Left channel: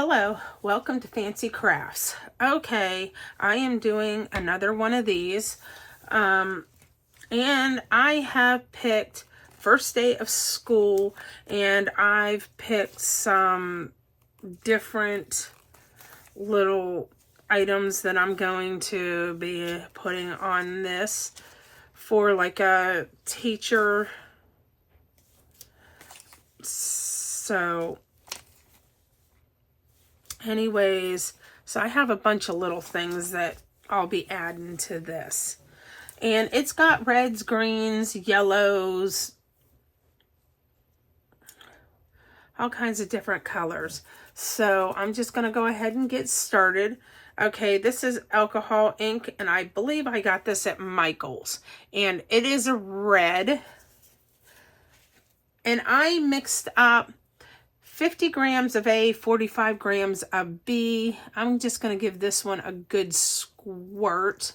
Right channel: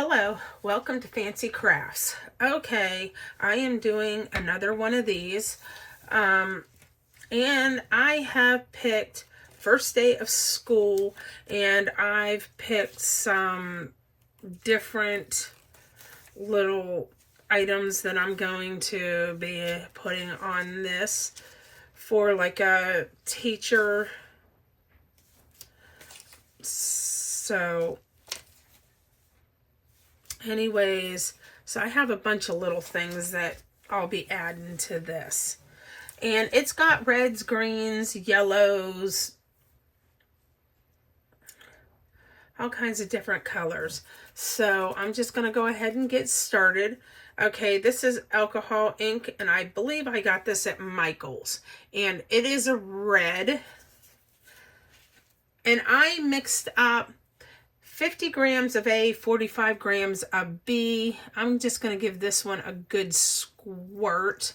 Hello, welcome to Fancy Crafts. Okay, I am doing another one of these. And I have picked first day of school, and I've picked some different little items that I'm going to be putting on this for like a teacher. So anyways, so I have a bunch of little things that I'll be adding to this. And it's got reds, greens, yellows, all kinds of different colors. So I'm just going to go ahead and get started. Okay, this is alcohol ink, and I believe I got this at Michael's. And it is a red. And I mixed up 50 grams of A, 45 grams of B. I'm just going to give this one a good squirt.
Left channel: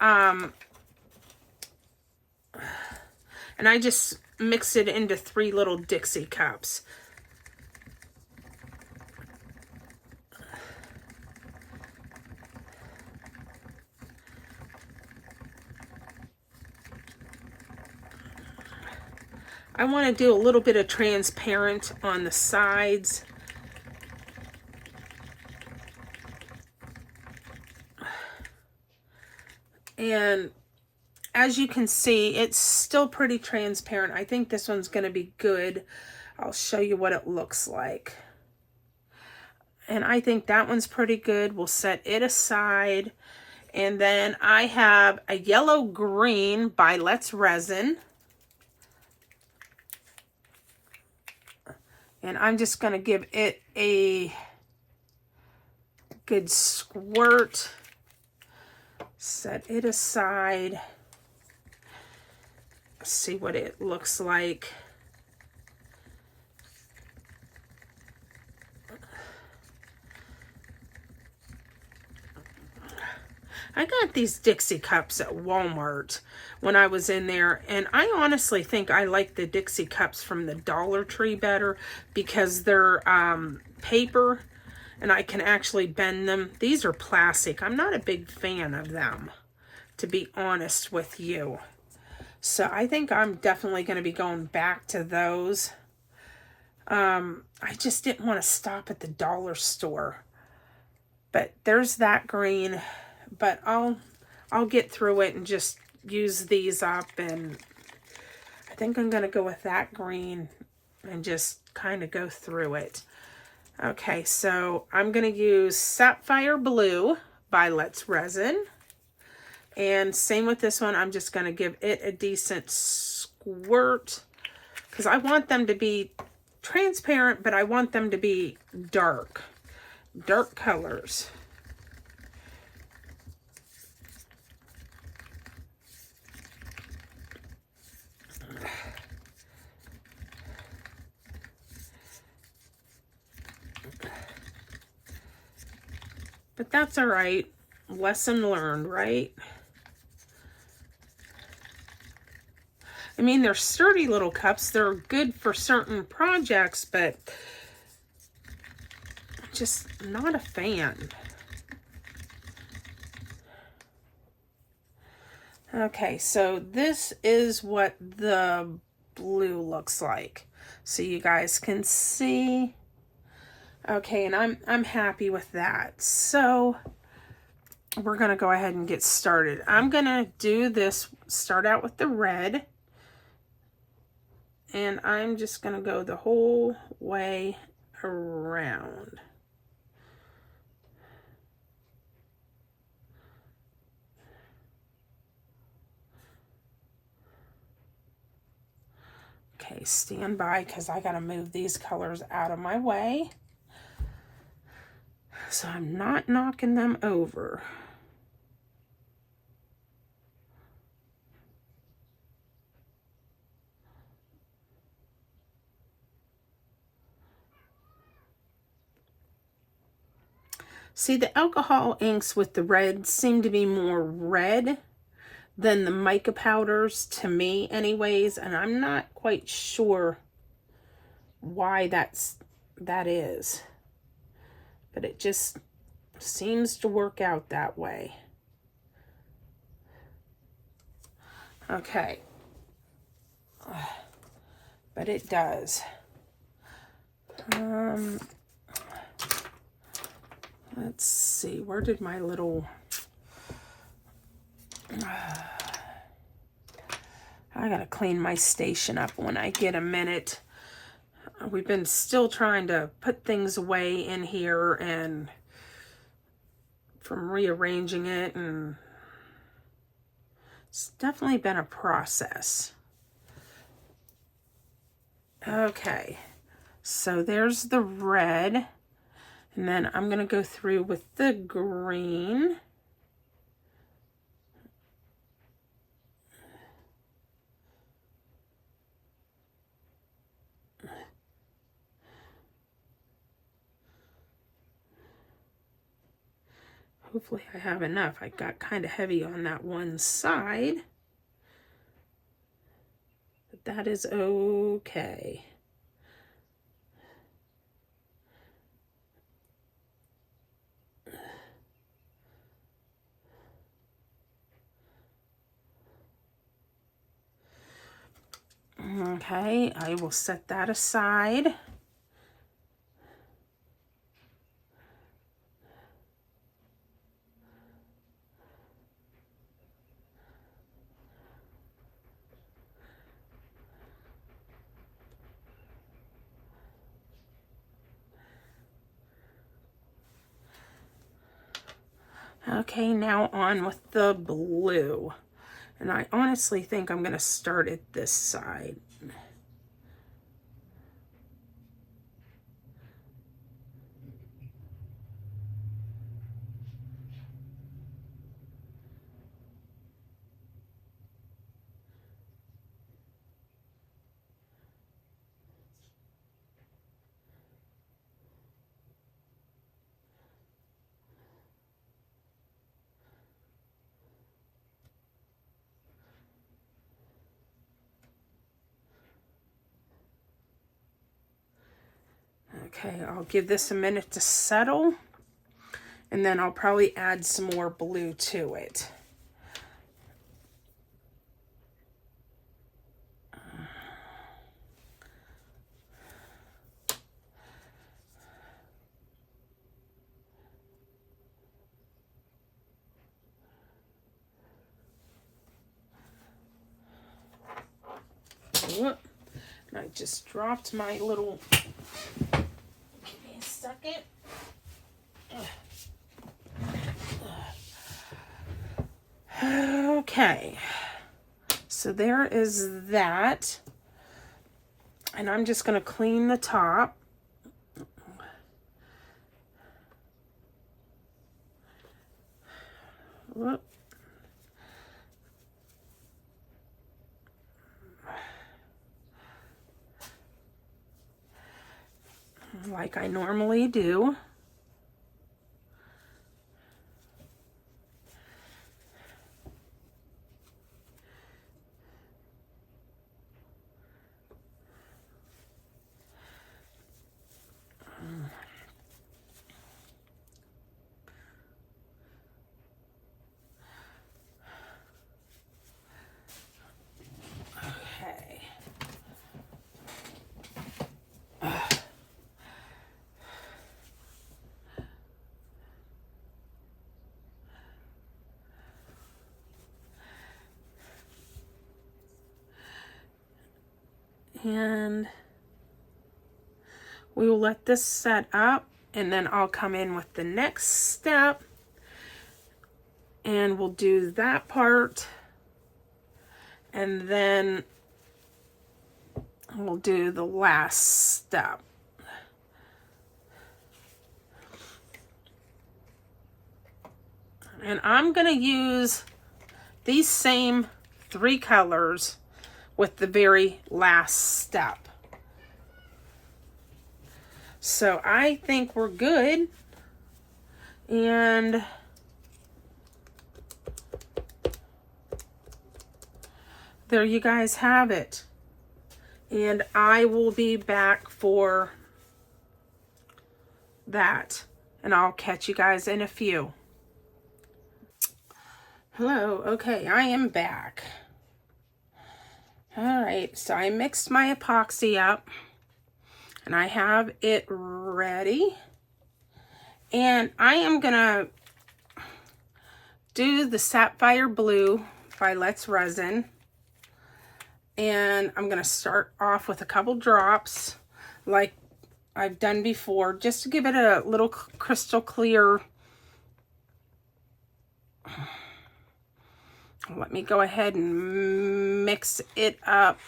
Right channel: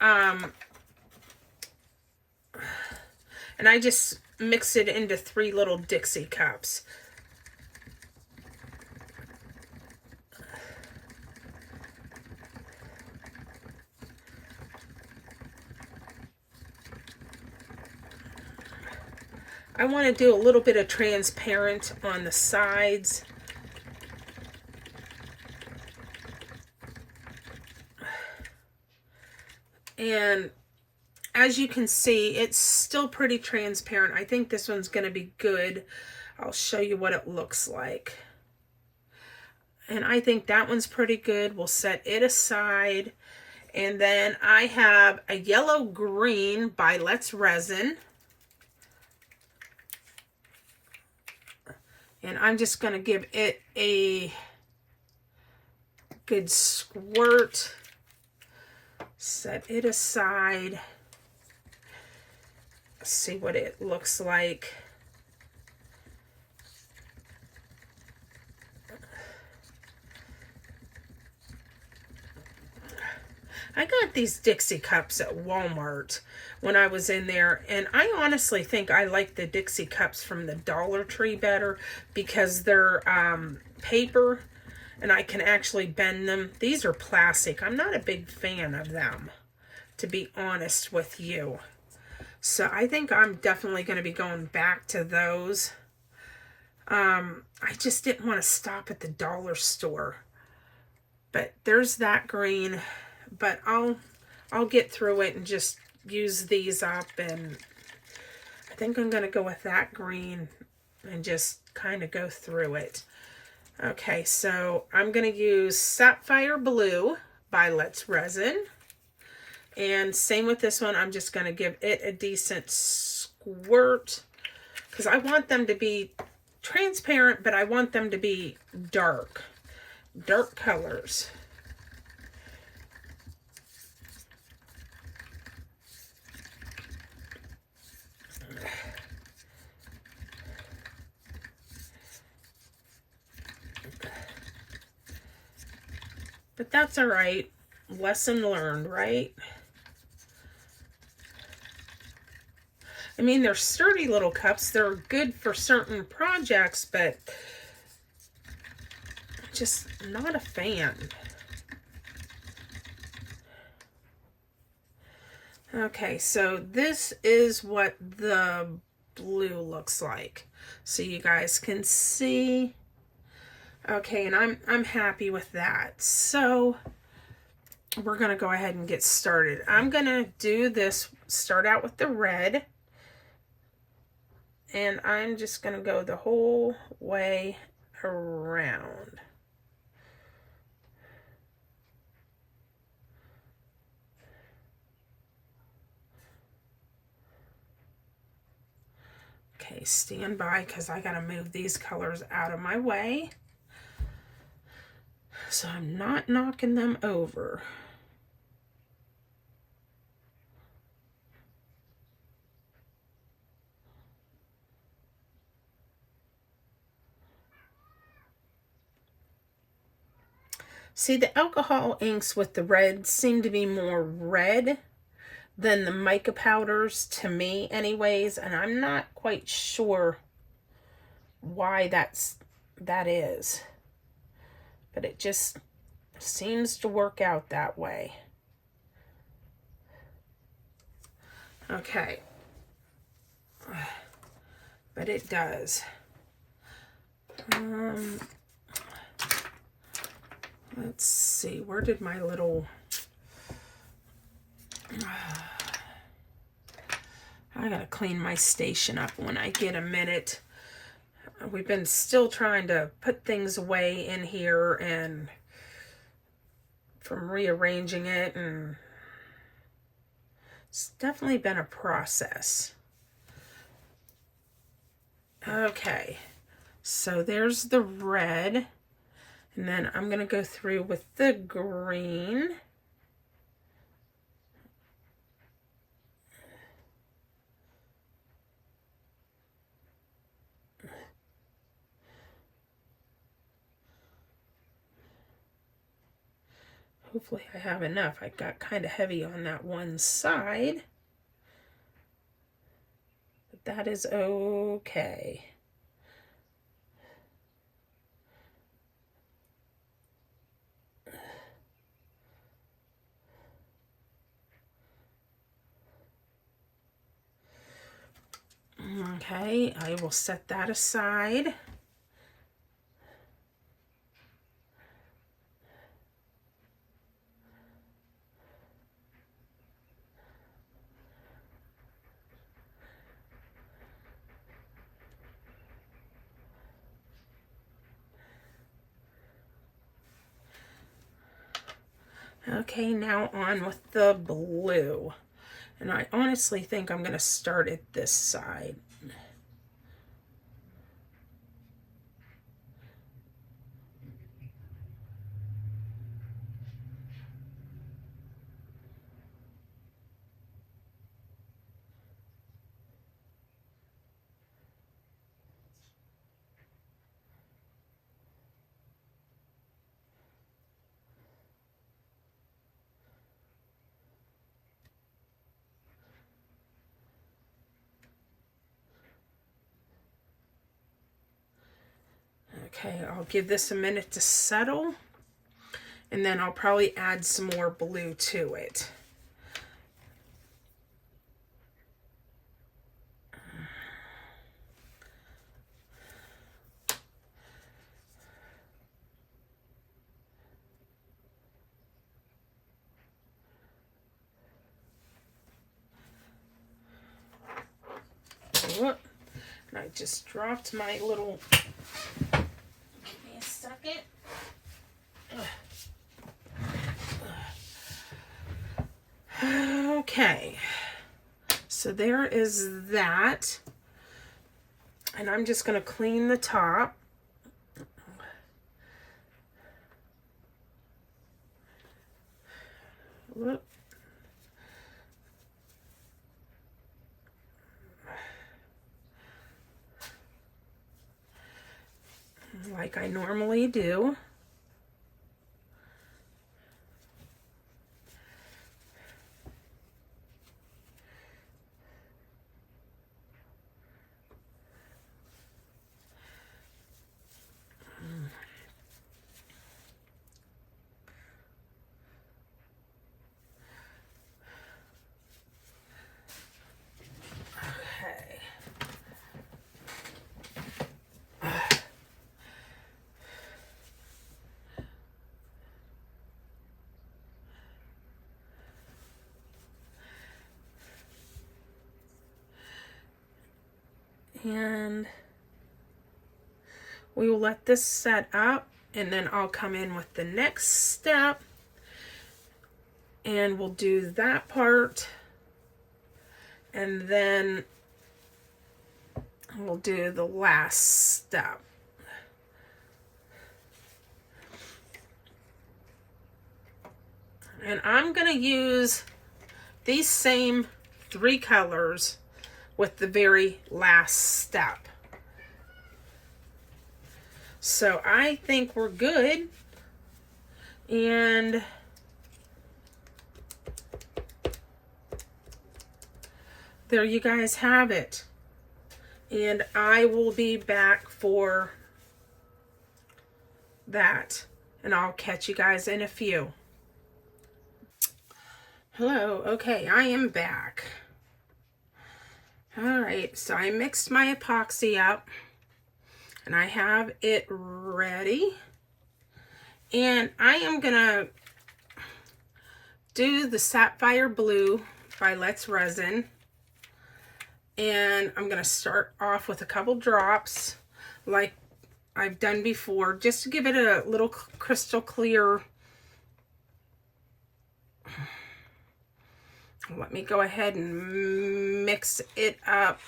And I just mix it into 3 little Dixie cups. I want to do a little bit of transparent on the sides. And as you can see, it's still pretty transparent. I think this one's going to be good. I'll show you what it looks like. And I think that one's pretty good. We'll set it aside. And then I have a yellow green by Let's Resin. And I'm just going to give it a good squirt. Set it aside. See what it looks like. I got these Dixie cups at Walmart when I was in there, and I honestly think I like the Dixie cups from the Dollar Tree better because they're paper and I can actually bend them. These are plastic. I'm not a big fan of them, to be honest with you. So I think I'm definitely going to be going back to those. I just didn't want to stop at the dollar store. But there's that green. But I'll get through it and just use these up. And I think I'm going to go with that green and just kind of go through it. Okay, so I'm going to use Sapphire Blue by Let's Resin. And same with this one, I'm just going to give it a decent squirt because I want them to be transparent, but I want them to be dark colors. But that's all right. Lesson learned, right? I mean, they're sturdy little cups. They're good for certain projects, but just not a fan. Okay, so this is what the blue looks like. So you guys can see. Okay, and I'm happy with that. So we're going to go ahead and get started. I'm going to do this, start out with the red. And I'm just going to go the whole way around. Okay, stand by because I got to move these colors out of my way. So I'm not knocking them over. See, the alcohol inks with the red seem to be more red than the mica powders to me anyways, and I'm not quite sure why that's that is. But it just seems to work out that way. Okay. But it does. Let's see, where did my little... I gotta clean my station up when I get a minute. We've been still trying to put things away in here, and from rearranging it, and it's definitely been a process. Okay, so there's the red, and then I'm going to go through with the green. Hopefully I have enough. I got kind of heavy on that one side, but that is okay. Okay, I will set that aside. Okay, now on with the blue. And I honestly think I'm going to start at this side. Okay, I'll give this a minute to settle, and then I'll probably add some more blue to it. Whoop. And I just dropped my little... Give me a second. Okay. So there is that. And I'm just going to clean the top. Whoop. Like I normally do. And we will let this set up, and then I'll come in with the next step, and we'll do that part, and then we'll do the last step. And I'm going to use these same 3 colors with the very last step. So I think we're good. And there you guys have it. And I will be back for that, and I'll catch you guys in a few. Hello, okay, I am back. All right, so I mixed my epoxy up, and I have it ready. And I am gonna do the Sapphire Blue by Let's Resin. And I'm gonna start off with a couple drops like I've done before, just to give it a little crystal clear. Let me go ahead and mix it up.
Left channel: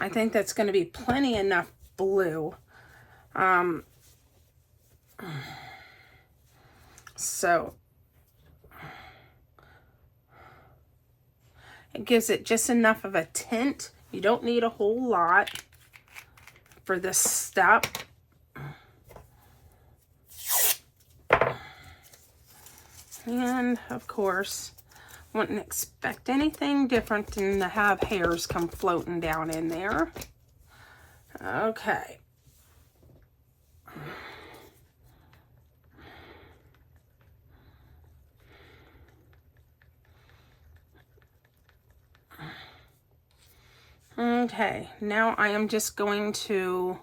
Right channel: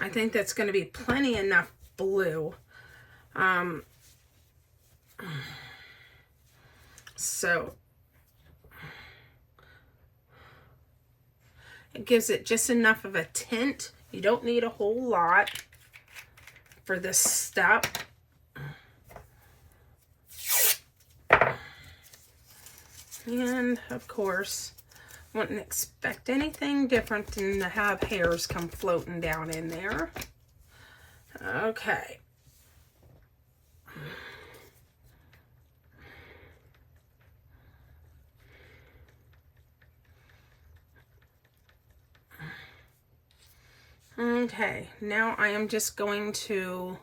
I think that's going to be plenty enough blue. So it gives it just enough of a tint. You don't need a whole lot for this step. And of course, wouldn't expect anything different than to have hairs come floating down in there. Okay. Okay, now I am just going to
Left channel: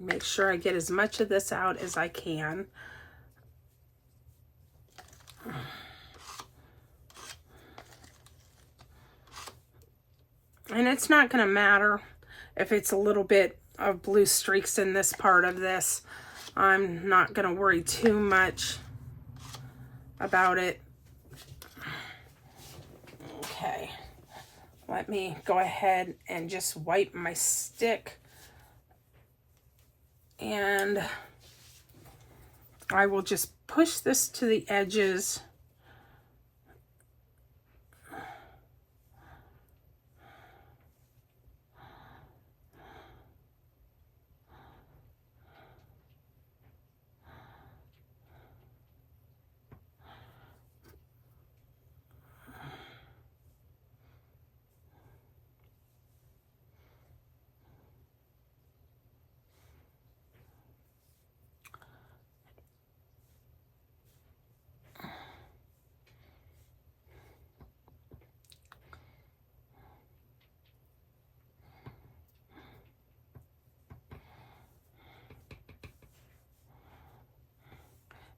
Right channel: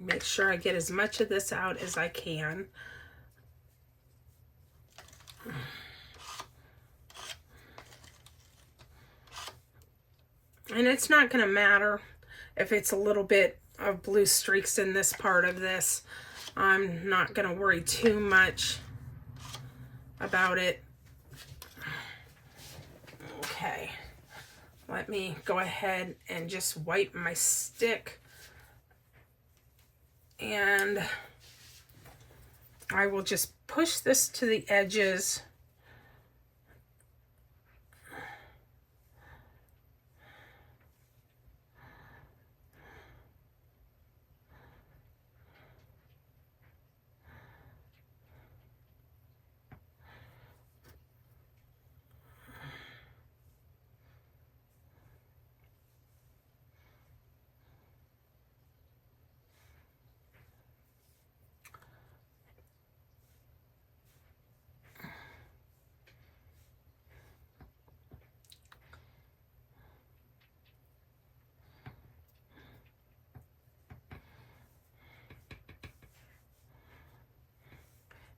make sure I get as much of this out as I can. And it's not going to matter if it's a little bit of blue streaks in this part of this. I'm not going to worry too much about it. Okay, let me go ahead and just wipe my stick. And I will just push this to the edges.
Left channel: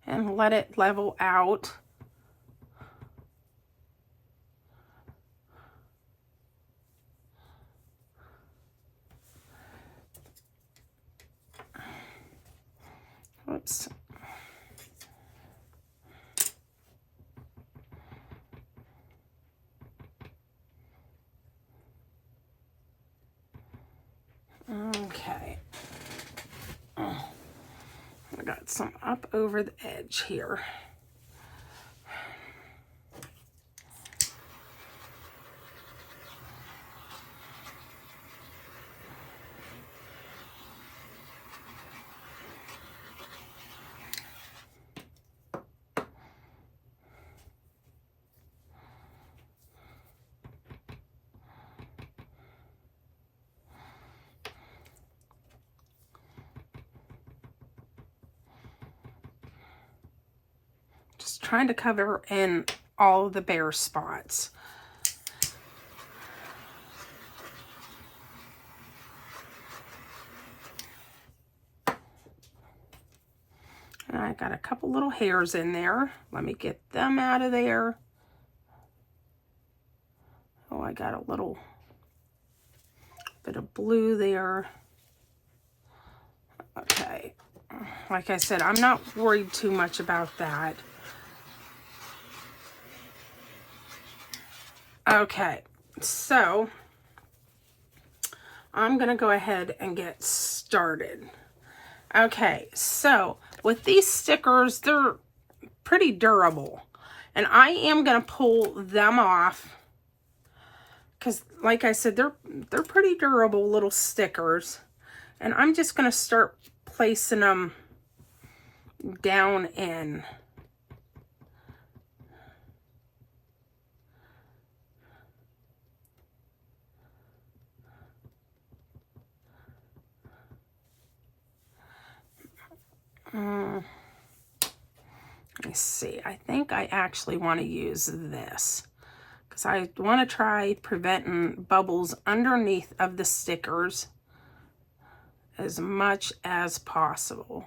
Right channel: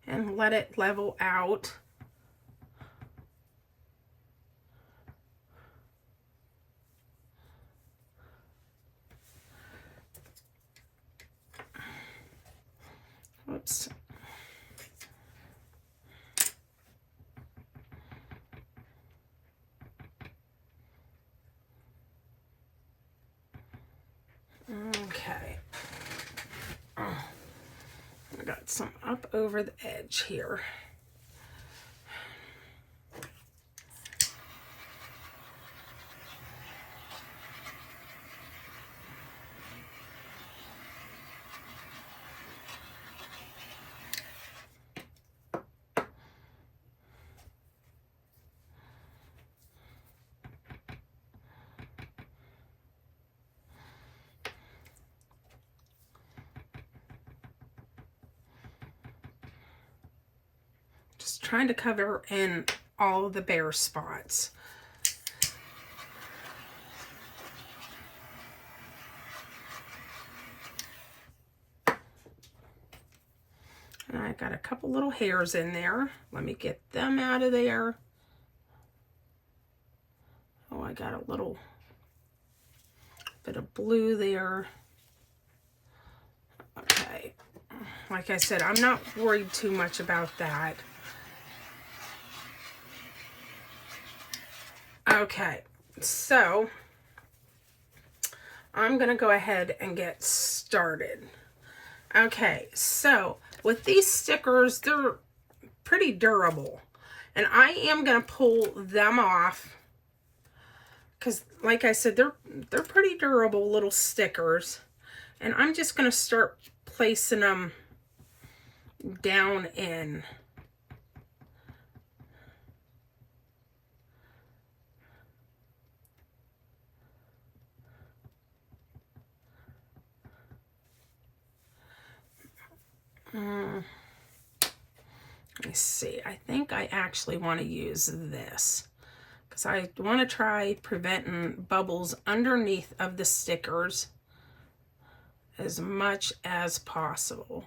And let it level out. Oops. Okay. I got some up over the edge here. Just trying to cover in all of the bare spots. And I got a couple little hairs in there. Let me get them out of there. Oh, I got a little bit of blue there. Okay. Like I said, I'm not worried too much about that. Okay, so I'm going to go ahead and get started. Okay, so with these stickers, they're pretty durable. And I am going to pull them off because, like I said, they're pretty durable little stickers. And I'm just going to start placing them down in. Let me see. I think I actually want to use this because I want to try preventing bubbles underneath of the stickers as much as possible.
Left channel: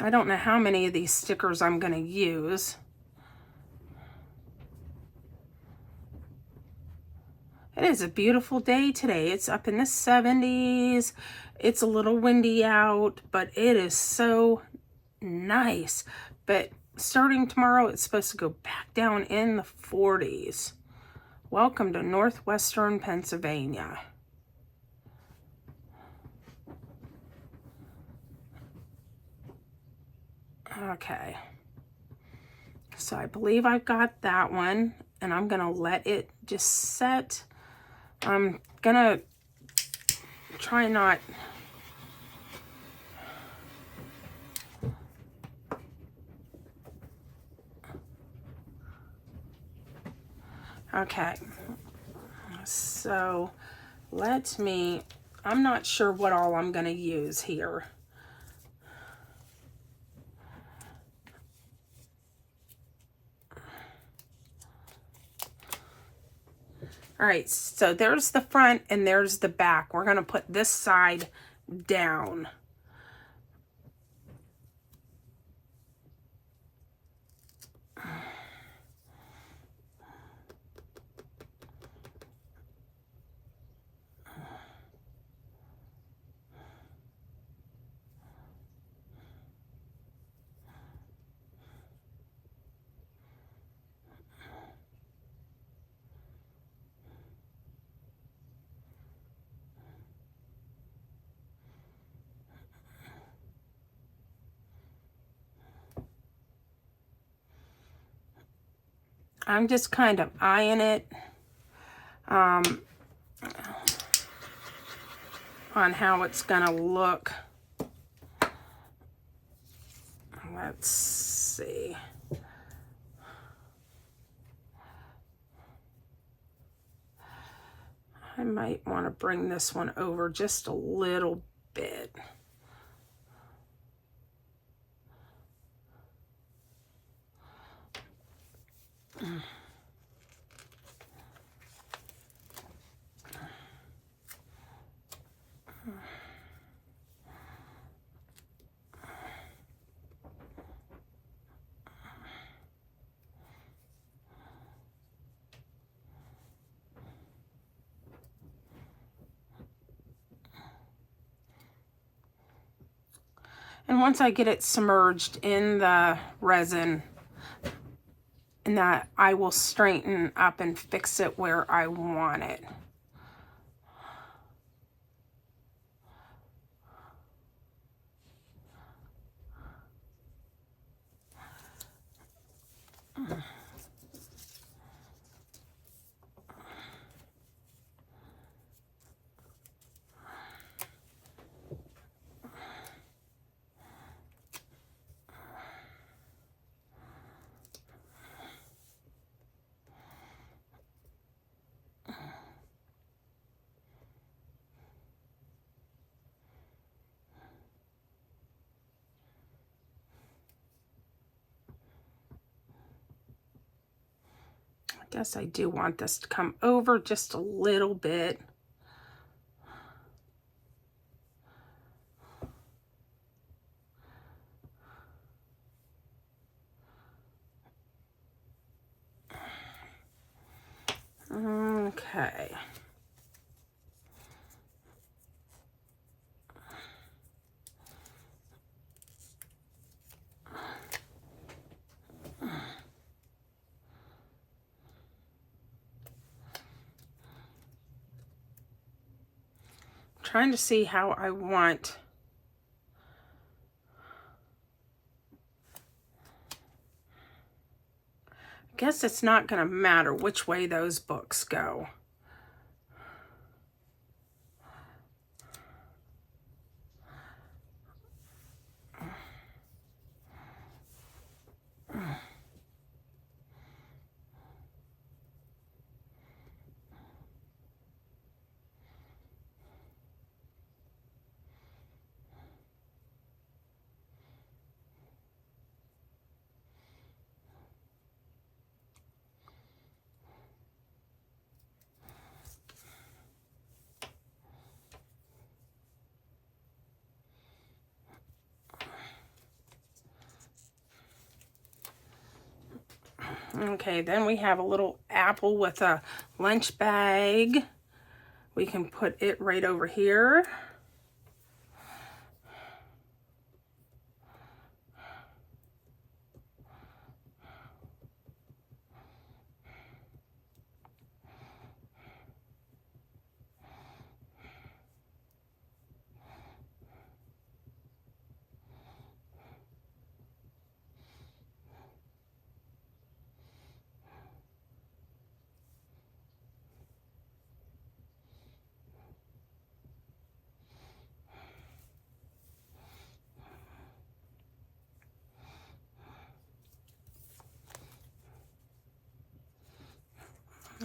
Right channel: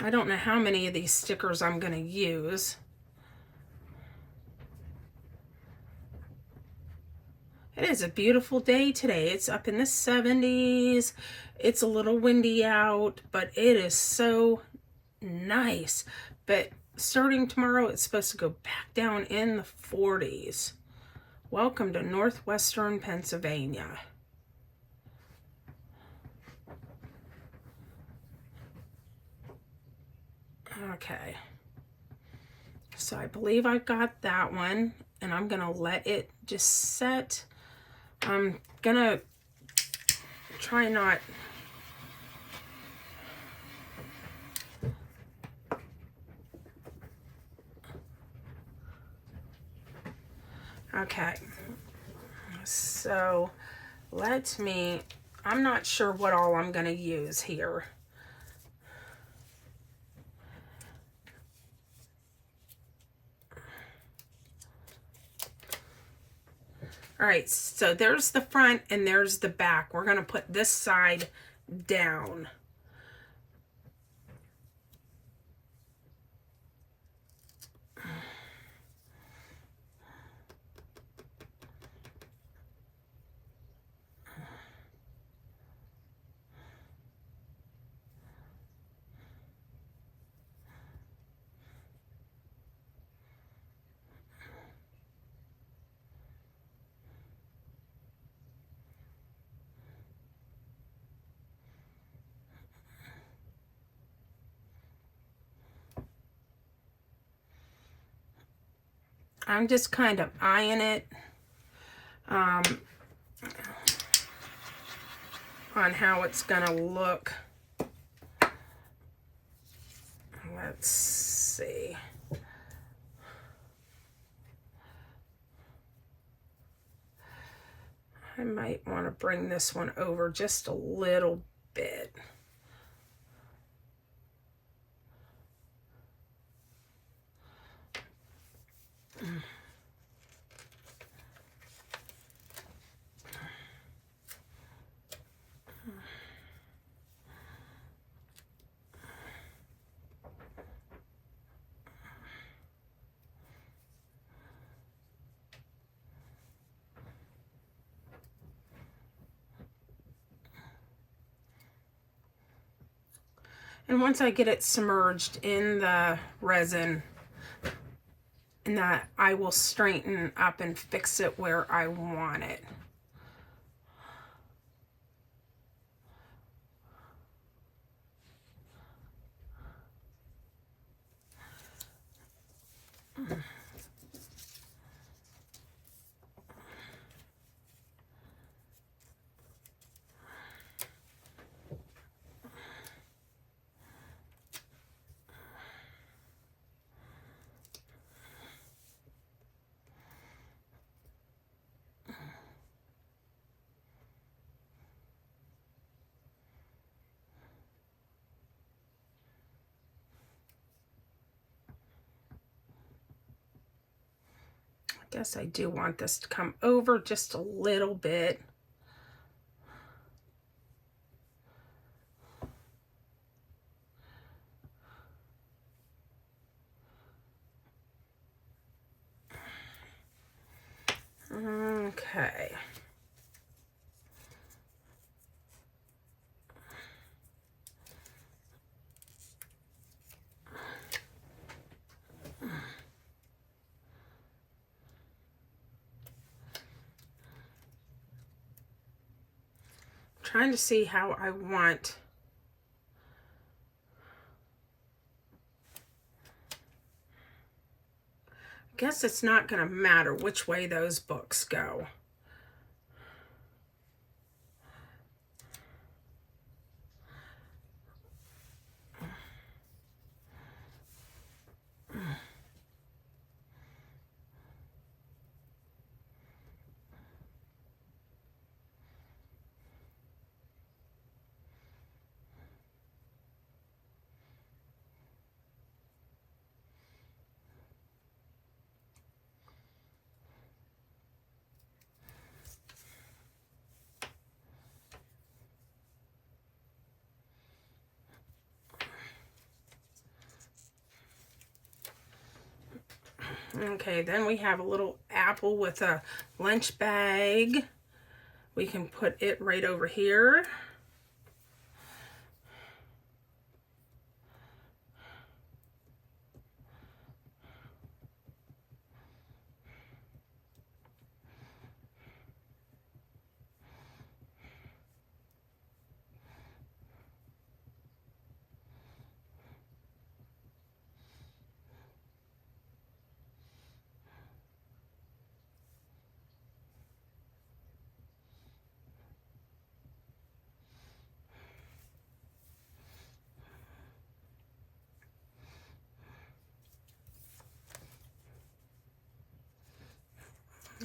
I don't know how many of these stickers I'm going to use. It is a beautiful day today. It's up in the 70s. It's a little windy out, but it is so nice. But starting tomorrow, it's supposed to go back down in the 40s. Welcome to northwestern Pennsylvania. Okay. So I believe I got that one, and I'm going to let it just set. I'm going to try not... Okay, so I'm not sure what all I'm going to use here. All right, so there's the front and there's the back. We're going to put this side down. I'm just kind of eyeing it on how it's going to look. Let's see. I might want to bring this one over just a little bit. And once I get it submerged in the resin, and that I will straighten up and fix it where I want it. Guess I do want this to come over just a little bit. Okay. Trying to see how I want guess it's not going to matter which way those books go. Okay, then we have a little apple with a lunch bag. We can put it right over here.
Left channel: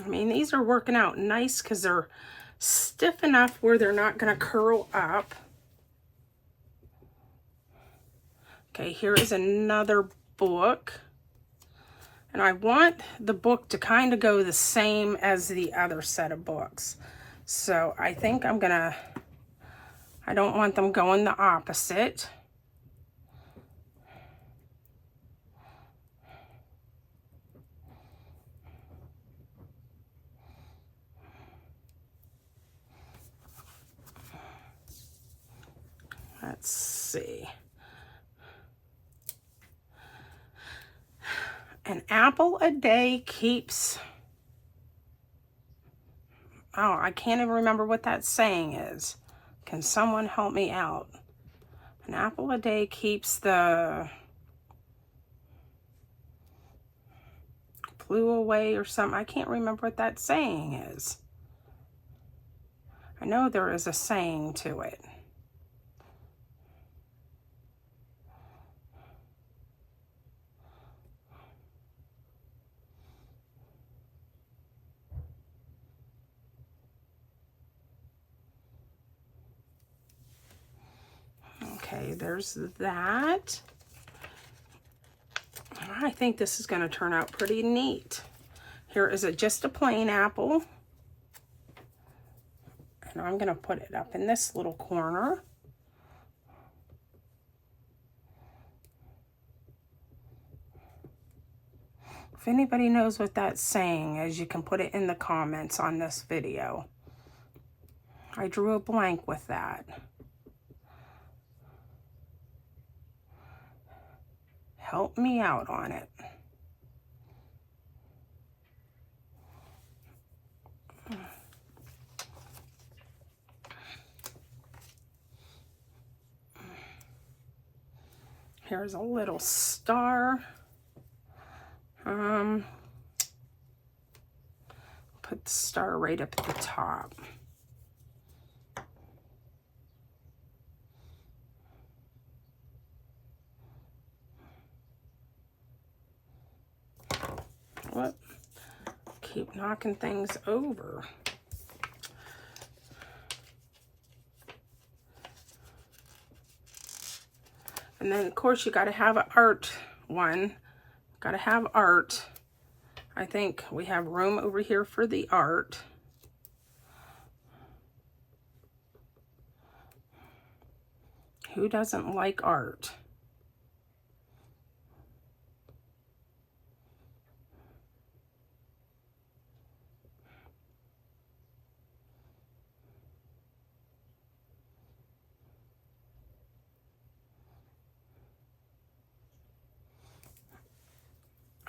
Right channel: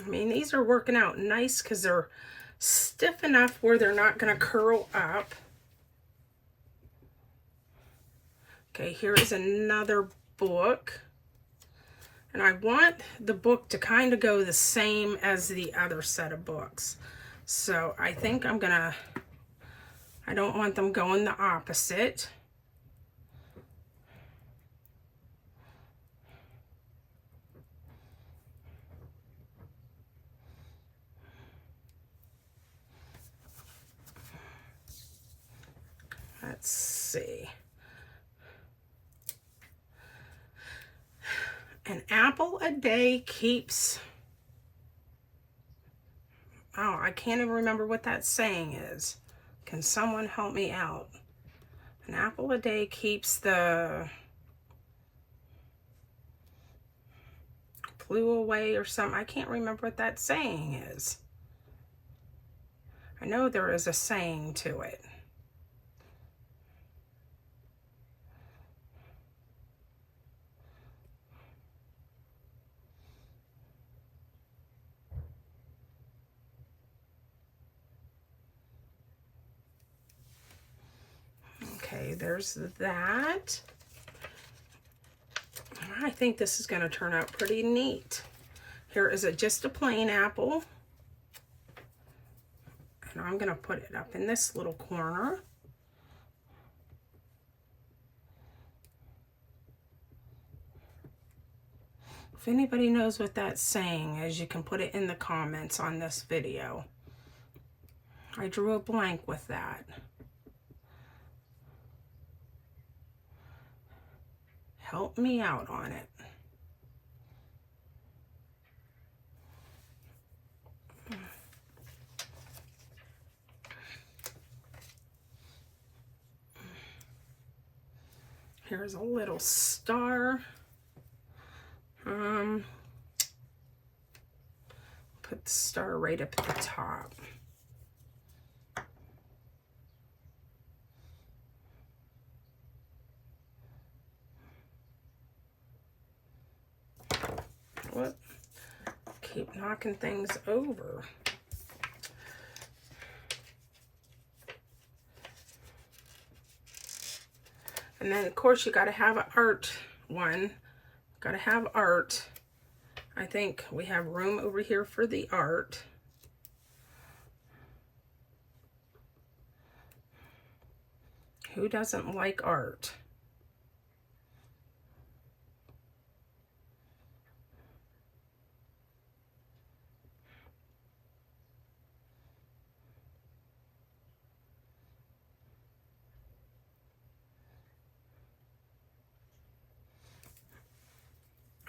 I mean, these are working out nice because they're stiff enough where they're not going to curl up. Okay, here is another book. And I want the book to kind of go the same as the other set of books. So I think I'm going to, I don't want them going the opposite. Let's see. An apple a day keeps... Oh, I can't even remember what that saying is. Can someone help me out? An apple a day keeps the flu away or something. I can't remember what that saying is. I know there is a saying to it. Okay, there's that. I think this is going to turn out pretty neat. Here is just a plain apple. And I'm going to put it up in this little corner. If anybody knows what that saying is, you can put it in the comments on this video. I drew a blank with that. Help me out on it. Here's a little star. Put the star right up at the top. What? Keep knocking things over. And then, of course, you got to have an art one. Got to have art. I think we have room over here for the art. Who doesn't like art?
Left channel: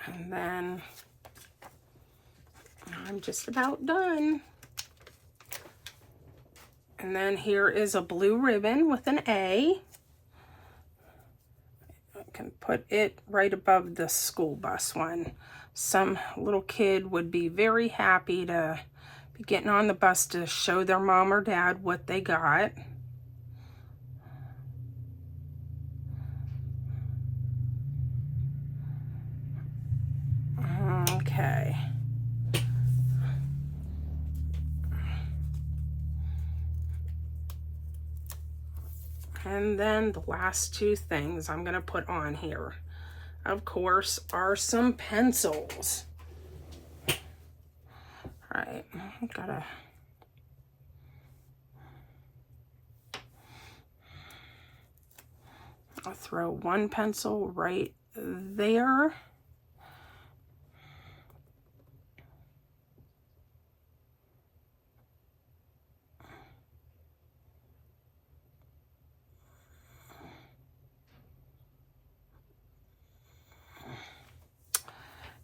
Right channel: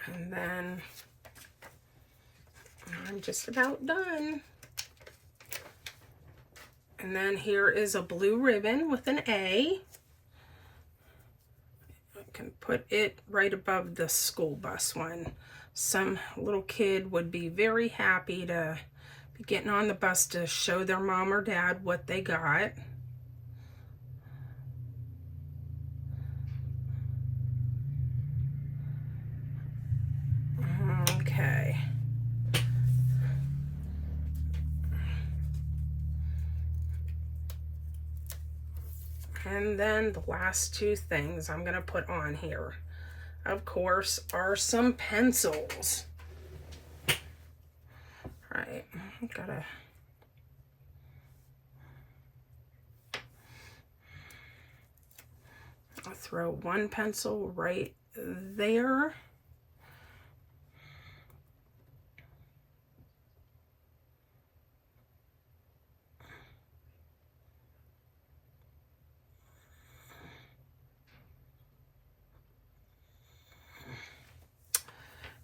And then I'm just about done. And then here is a blue ribbon with an A. I can put it right above the school bus one. Some little kid would be very happy to be getting on the bus to show their mom or dad what they got. Okay. And then the last two things I'm going to put on here, of course, are some pencils. All right, I've got to... I'll throw one pencil right there.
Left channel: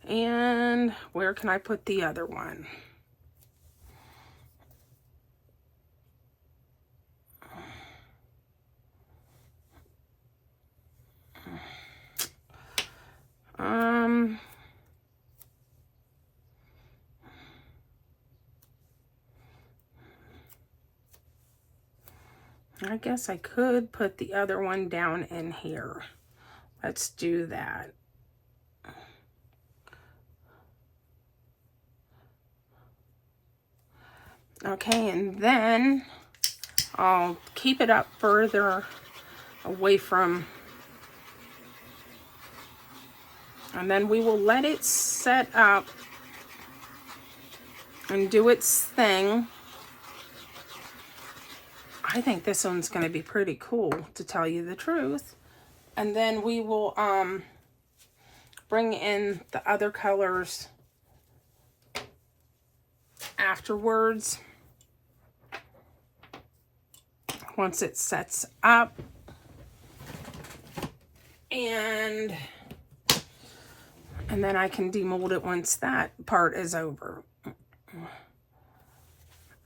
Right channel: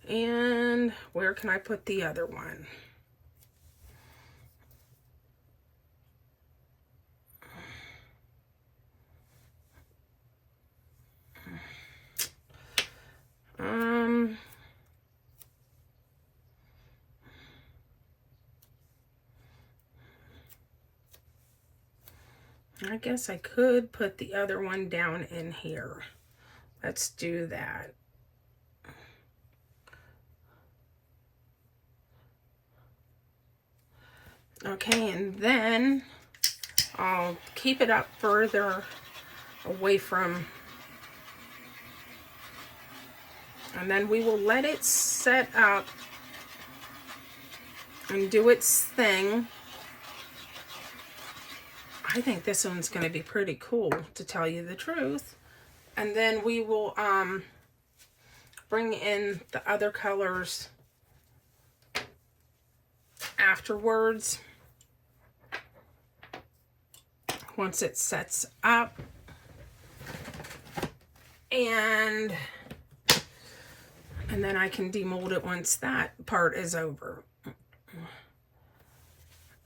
And where can I put the other one? I guess I could put the other one down in here. Let's do that. Okay, and then I'll keep it up further away from, and then we will let it set up and do its thing. I think this one's going to be pretty cool, to tell you the truth. And then we will bring in the other colors afterwards, once it sets up. And then I can demold it once that part is over.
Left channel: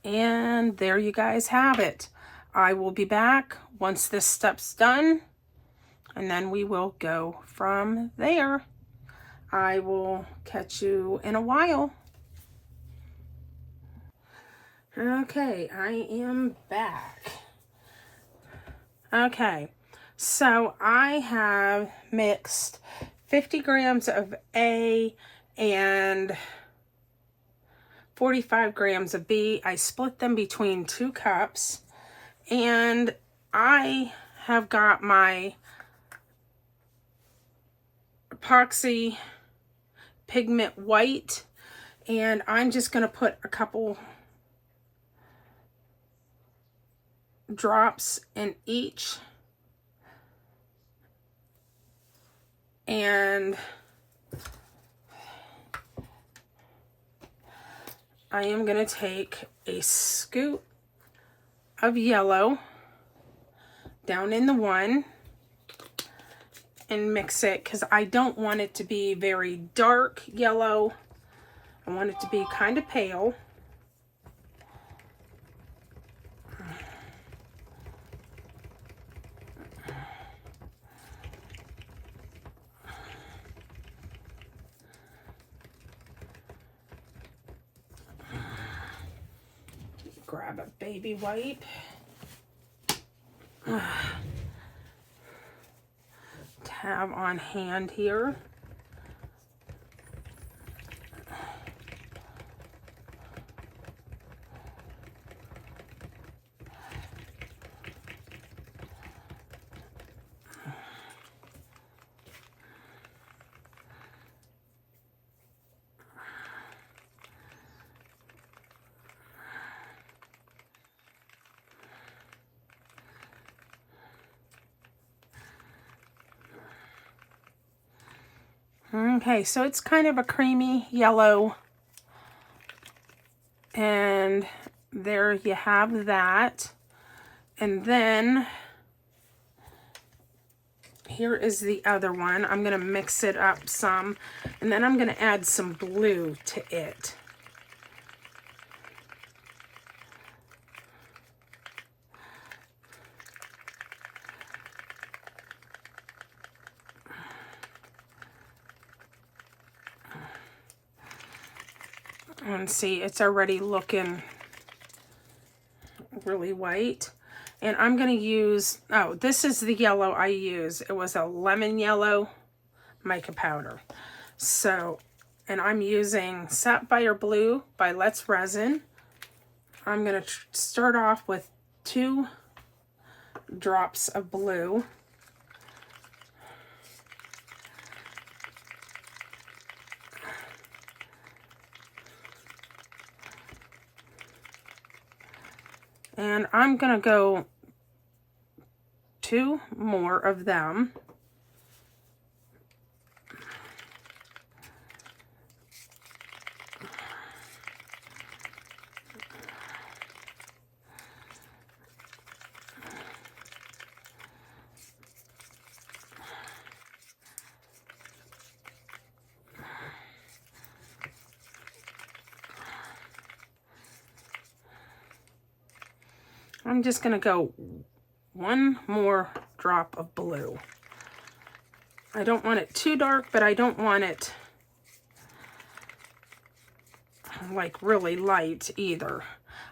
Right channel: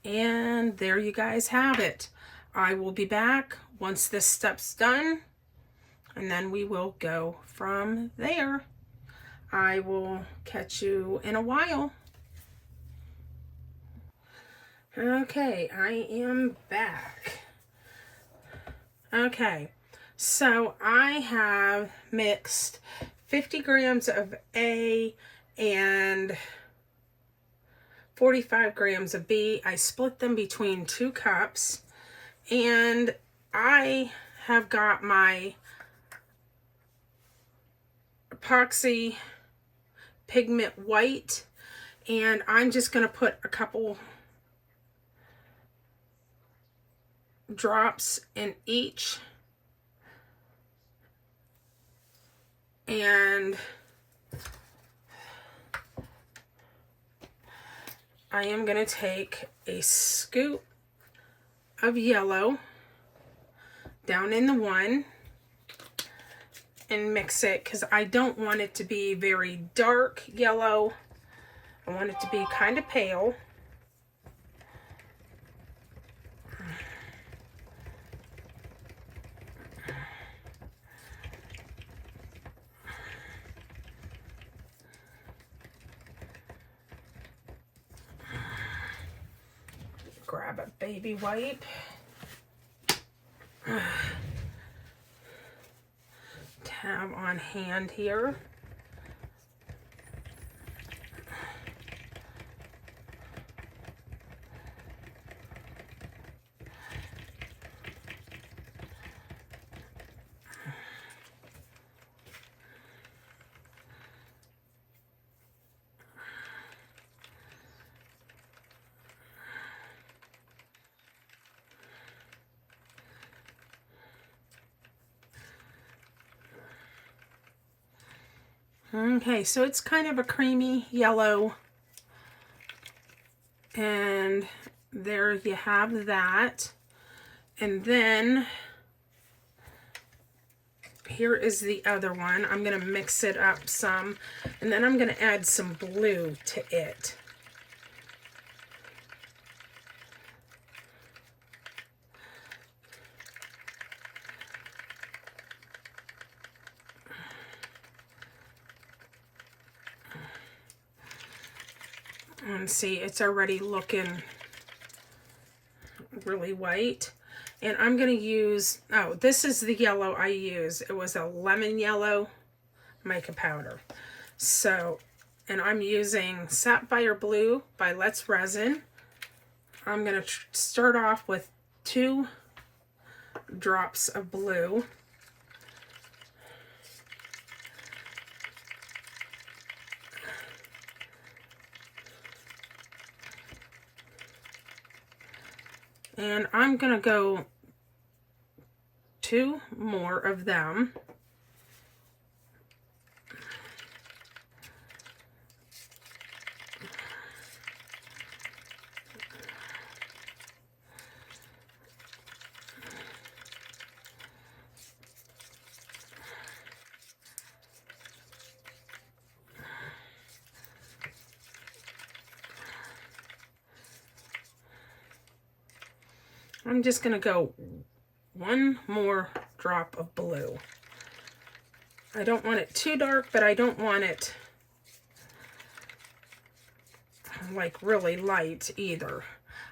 And there you guys have it. I will be back once this step's done, and then we will go from there. I will catch you in a while. Okay, I am back. Okay, so I have mixed 50 grams of A and 45 grams of B. I split them between 2 cups. And I have got my epoxy pigment white, and I'm just going to put a couple drops in each. And I am going to take a scoop of yellow down in the one and mix it, because I don't want it to be very dark yellow. I want it to be kind of pale. Grab a baby wipe. Have on hand here. Okay, so it's kind of a creamy yellow. And there you have that. And then here is the other one. I'm going to mix it up some. And then I'm going to add some blue to it. And see, it's already looking really white. And I'm going to use, oh, this is the yellow I use. It was a lemon yellow mica powder. So, and I'm using Sapphire Blue by Let's Resin. I'm going to start off with 2 drops of blue. And I'm going to go 2 more of them. I'm just going to go 1 more drop of blue. I don't want it too dark, but I don't want it like really light either.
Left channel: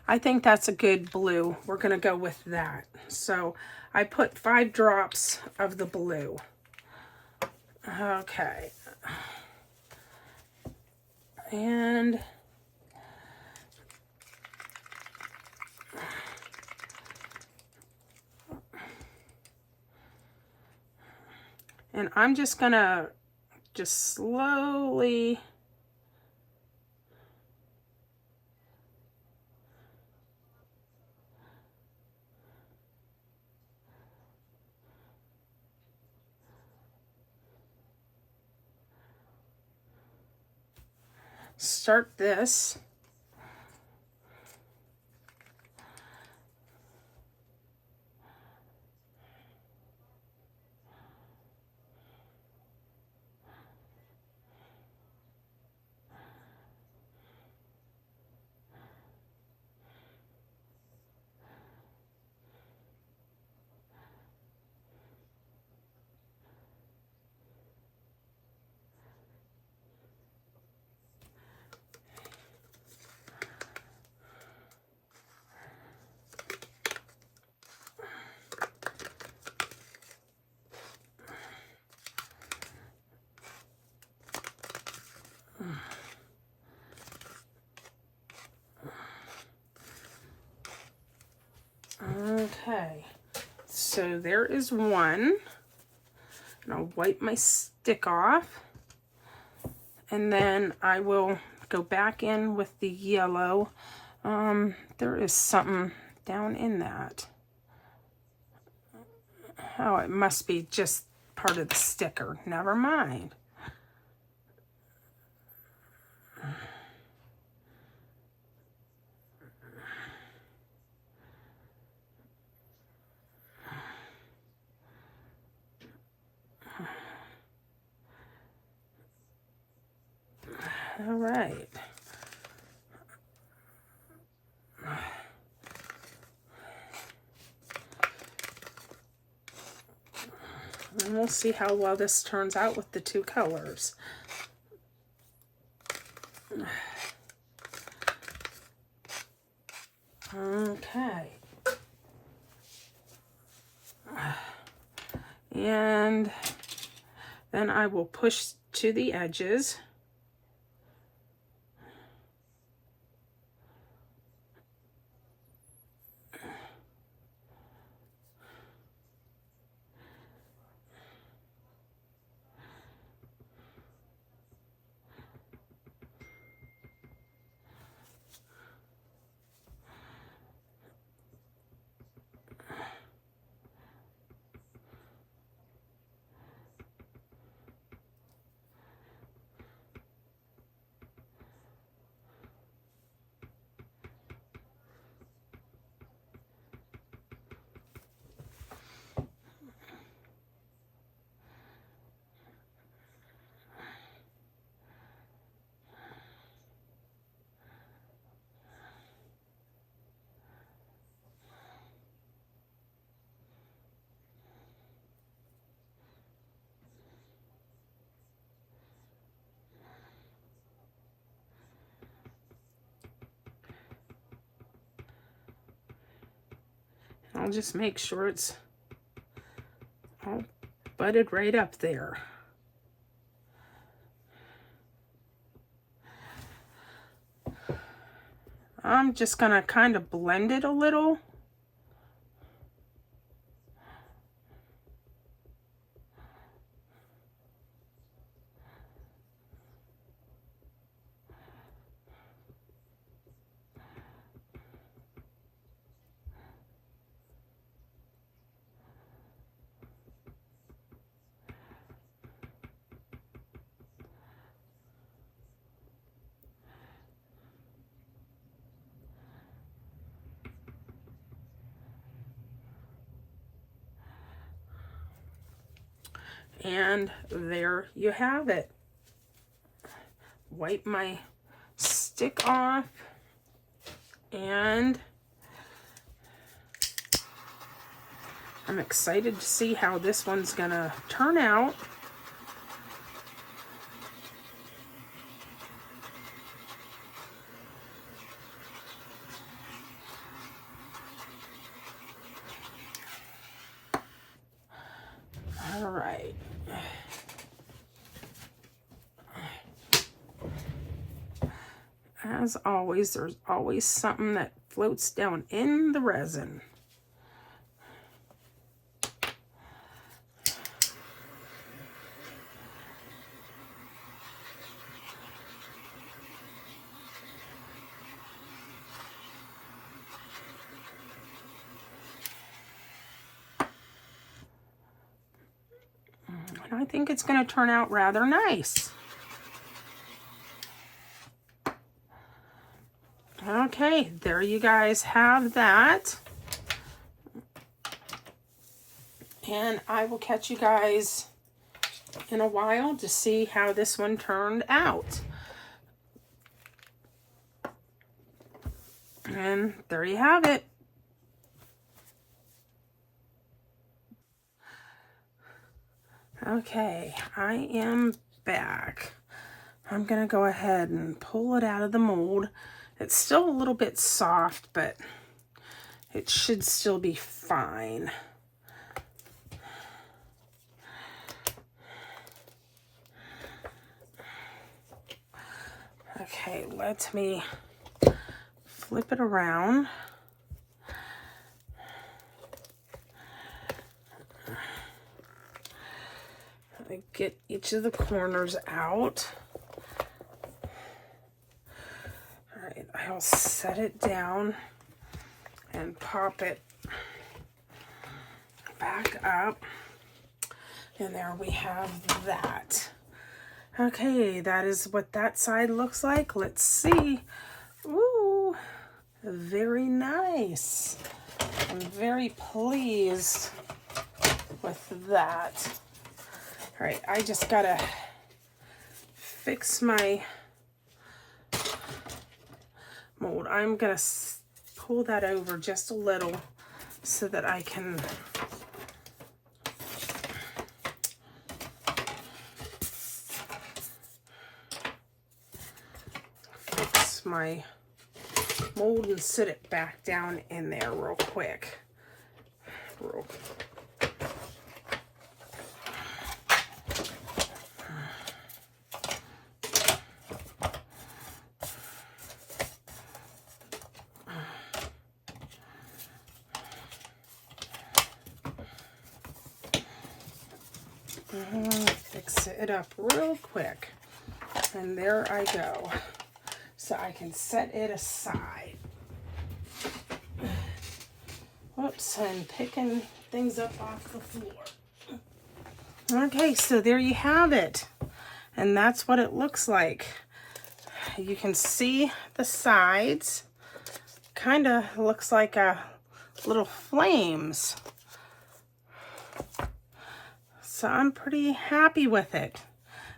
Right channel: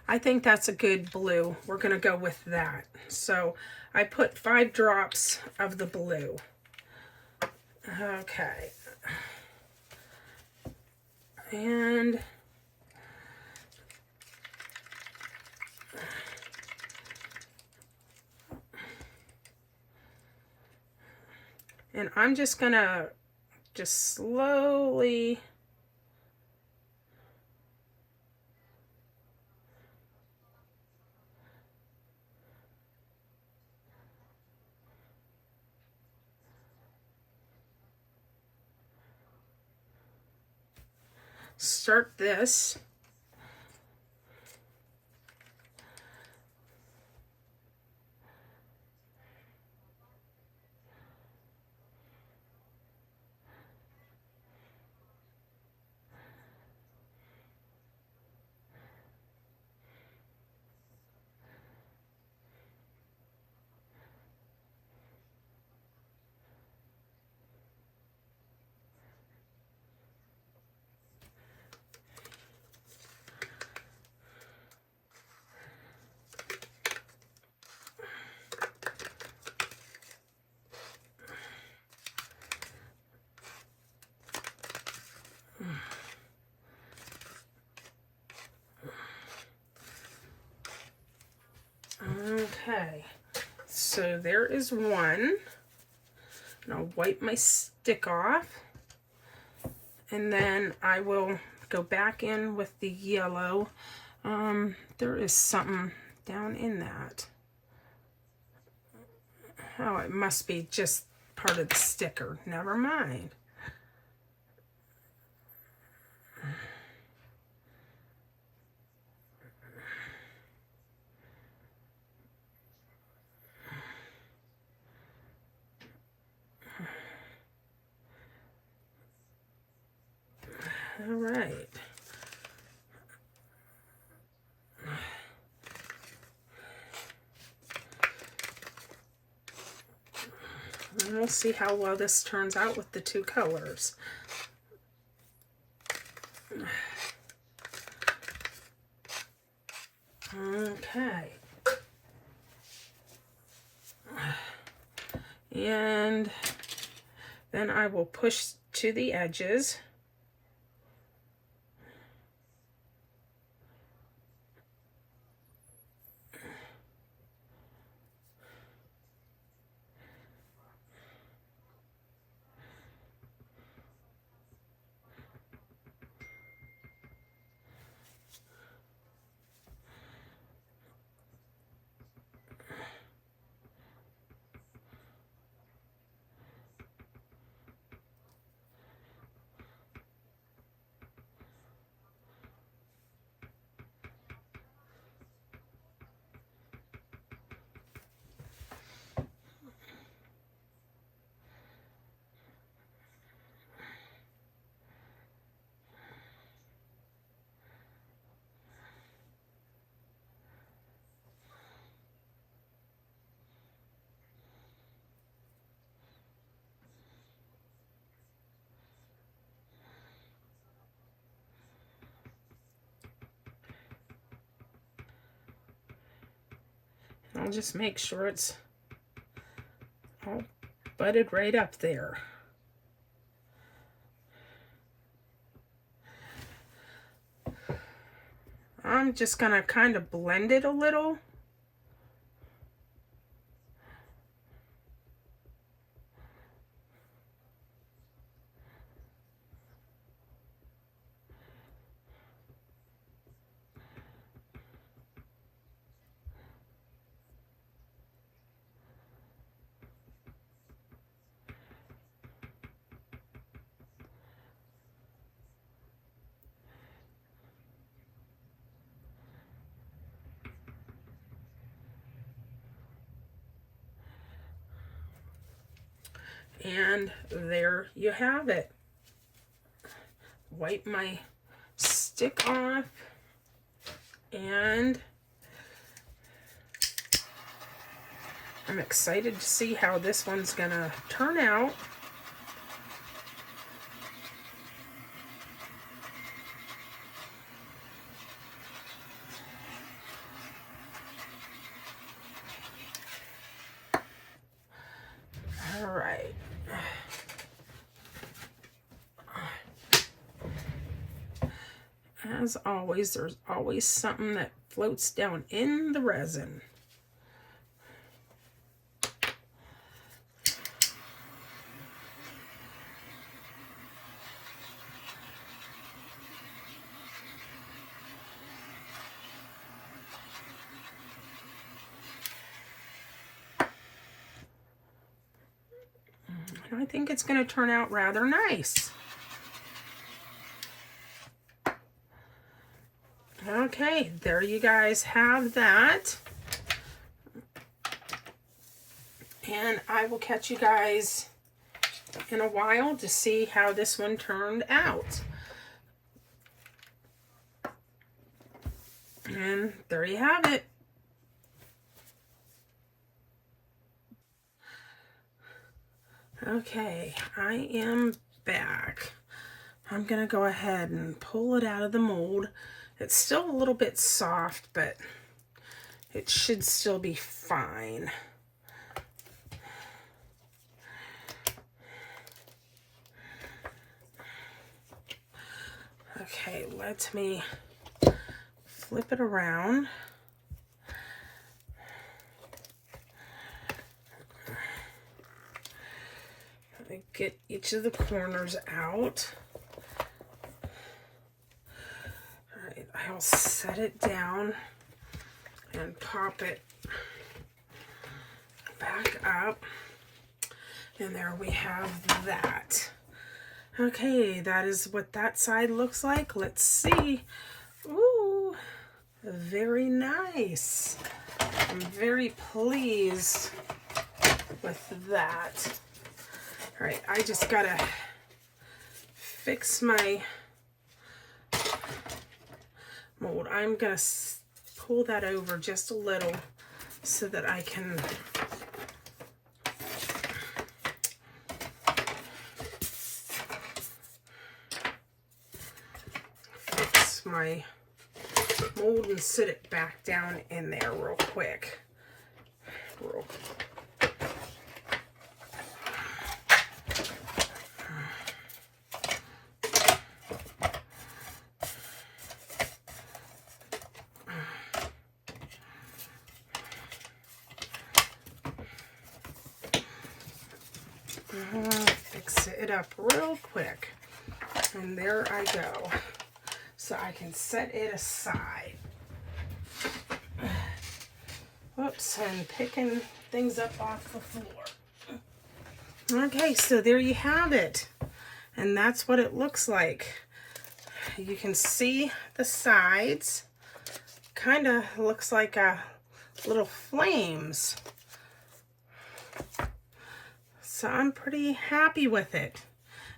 I think that's a good blue. We're going to go with that. So I put 5 drops of the blue. Okay. And I'm just going to just slowly start this. Okay, so there is one. And I'll wipe my stick off. And then I will go back in with the yellow. There is something down in that. Oh, it must be just part of the sticker. Never mind. All right. And we'll see how well this turns out with the 2 colors. Okay. And then I will push to the edges. I'll just make sure it's all butted right up there. I'm just gonna kind of blend it a little. And there you have it. Wipe my stick off, and I'm excited to see how this one's gonna turn out. All right. As always, there's always something that floats down in the resin. And I think it's going to turn out rather nice. Okay, there you guys have that. And I will catch you guys in a while to see how this one turned out. And there you have it. Okay, I am back. I'm going to go ahead and pull it out of the mold. It's still a little bit soft, but it should still be fine. Okay, let me flip it around. Get each of the corners out. All right, I'll set it down and pop it back up. And there we have that. Okay, that is what that side looks like. Let's see. Ooh, very nice. I'm very pleased with that. All right, I just gotta fix my mold. I'm gonna pull that over just a little so that I can fix my mold and sit it back down in there real quick. Fix it up real quick, and there I go, so I can set it aside. Whoops, I'm picking things up off the floor. Okay, so there you have it, and that's what it looks like. You can see the sides, kind of looks like little flames. So I'm pretty happy with it.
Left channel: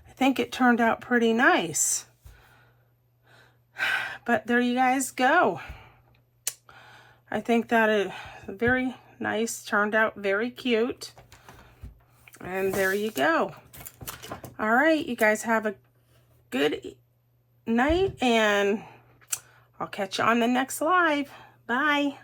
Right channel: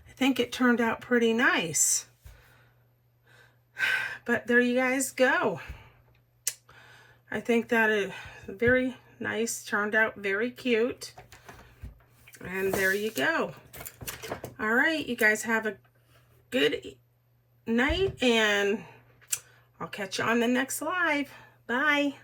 I think it turned out pretty nice. But there you guys go. I think that is very nice, turned out very cute. And there you go. All right, you guys have a good night, and I'll catch you on the next live. Bye.